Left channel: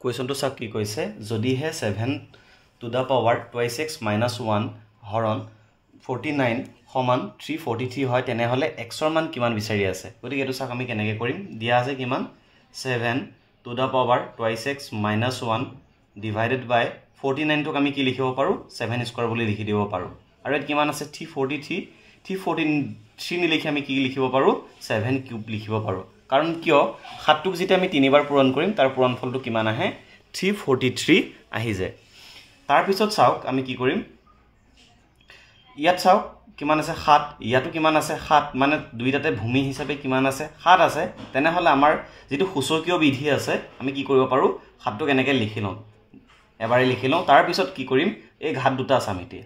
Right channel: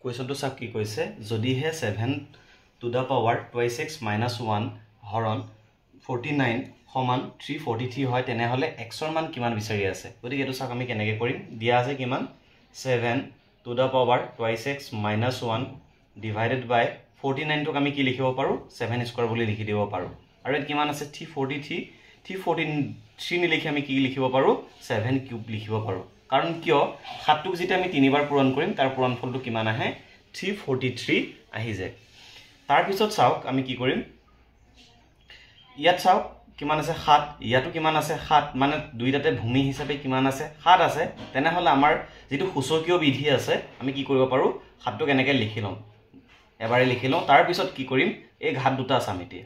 কুৱেশ্যনটো চাওক কি কৈছে যদিহে 7 to the power 2x minus 1 হৰণ 49 সমান 343 হয় তেনেহলে x ৰ মান কিমান বিচাৰি আছে গতিকে এটো চাওক আমি কেনেকৈ কৰিম দিয়া আছে কিমান 7 to the power 2x minus 1 divided by 49 টোক আমি কি লিখিব পাৰো 7 স্কয়াৰ বুলি লিখি দিব পাৰো আৰু এত কিমান আছে 343 নিলিখি আমি কি লিখিব পাৰো 7 কিউব লিখিব পাৰো কাৰণ কিয় 7 টোক যেতিয়া আমি তিনিবাৰ পূৰণ কৰিম তাৰ পূৰণফলটো কিমান আহে 343 আহি যায় তাৰ পিছত চাওক আমি কি কৰিম ইয়াত চাওক কিমান আছে 7 ইয়াতো কিমান আছে 7 মানে দুইটাতে ভূমি হিচাপে কিমান আছে 7 আছে তেনেহলে আমাৰ যেটো সূচকীয় বিধি আছে আমি কি কৰিব পাৰো 7 টোক এনেকৈ লিখি লম এবাৰে লিখি লম তাৰ পিছত কি কৰিম এই ঘাত দুটা আছে আমিতে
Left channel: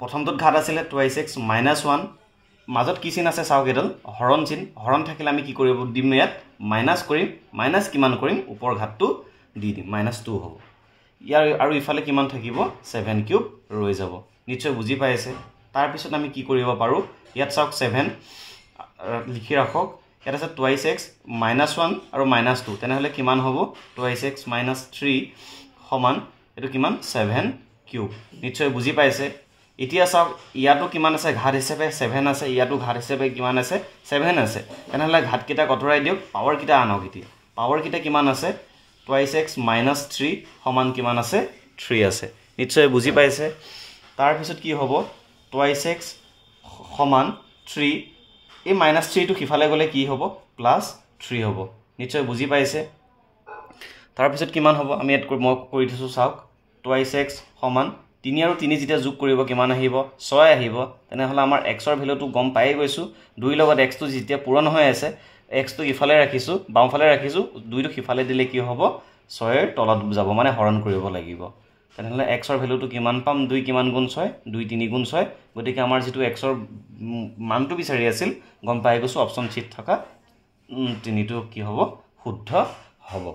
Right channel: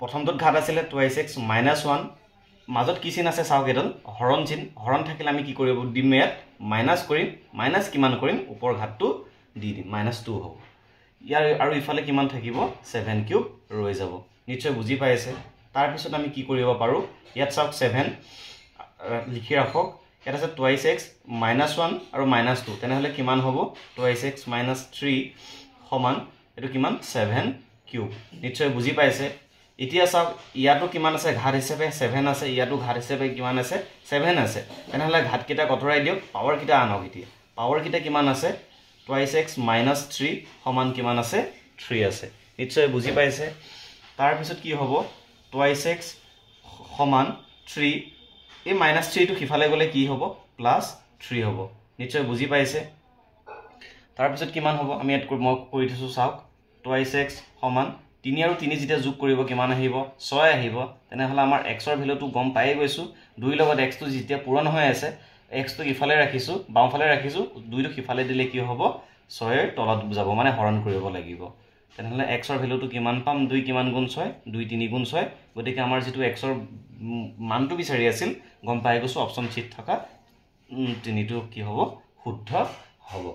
প্ৰথমটোত ঘাত আছিল 2x minus 1 মাজত কি চিন আছে চাওক এডাল হৰণ চিন হৰণ থাকিলে আমি কি কৰিব দিম ইয়াত মাইনাস কৰিম মাইনাস কিমান কৰিম ওপৰ ঘাতটো দি দিম -2 হ'ব ইয়াৰ আৰু ইফালে কিমান থাকিব 7 কিউব ৰৈ যাব নিশ্চয় বুজি পাইছে তাৰ পিছত আমি কি কৰিব পাৰো ইয়াত চাওক 7 লিখি ৰাখক ইয়াত আছে 2x minus 1 আৰু -2 তেনেহলে কিমান হ'ব 2x minus 3 সমান এটো কিমান 7 কিউব নিশ্চয় বুজি পাইছে এতিয়া চাওক ইয়াতো কিমান আছে ঘাত হিচাপে 7 আছে ইয়াতো ঘাত হিচাপে কিমান আছে 7 আছে তেনেহলে ঘাত কিটা কতৰাই দিও পাৱাৰ কিটা আনক এতিয়া পাৱাৰ কিটা কিমান আছে 2x minus 3 সমান কিমান আছে 3 আছে নিশ্চয় বুজি পাইছে তাৰ পিছত কি হ'ব 2x সমান 3 এই -3 টো কিফালে গলে কি হ'ব +3 হ'ব নিশ্চয় বুজি পাইছে তাৰ পিছত কিমান হ'ব আমি এড কৰি দিছো চাওক 2x সমান 3 আৰু 3 যেতিয়া যোগ কৰিব কিমান আহিব 6 আহিব তেনেহলে আমাৰ x ৰ ভ্যালুটো গম পাই গৈছো 2 লগত x টো যেতিয়া পূৰণ হৈ আছে x টো ইফালে ৰাখিছো বামফালে ৰাখিছো 2 টো সিফালে দিলে কি হ'ব 6 ৰ তলত যাব মানে হৰণ কৰিব লাগিব তেনেহলে x ৰ ভ্যালুটো কিমান পাম 2 কিমান গুণ 6 2 3 গুণ 6 গতিকে আমাৰ যেটো x ৰ মানটো বিচাৰি আছিল গম পাই গৈছো অপচন চিট থকা 3 টো কি হ'ব শুদ্ধ হ'ব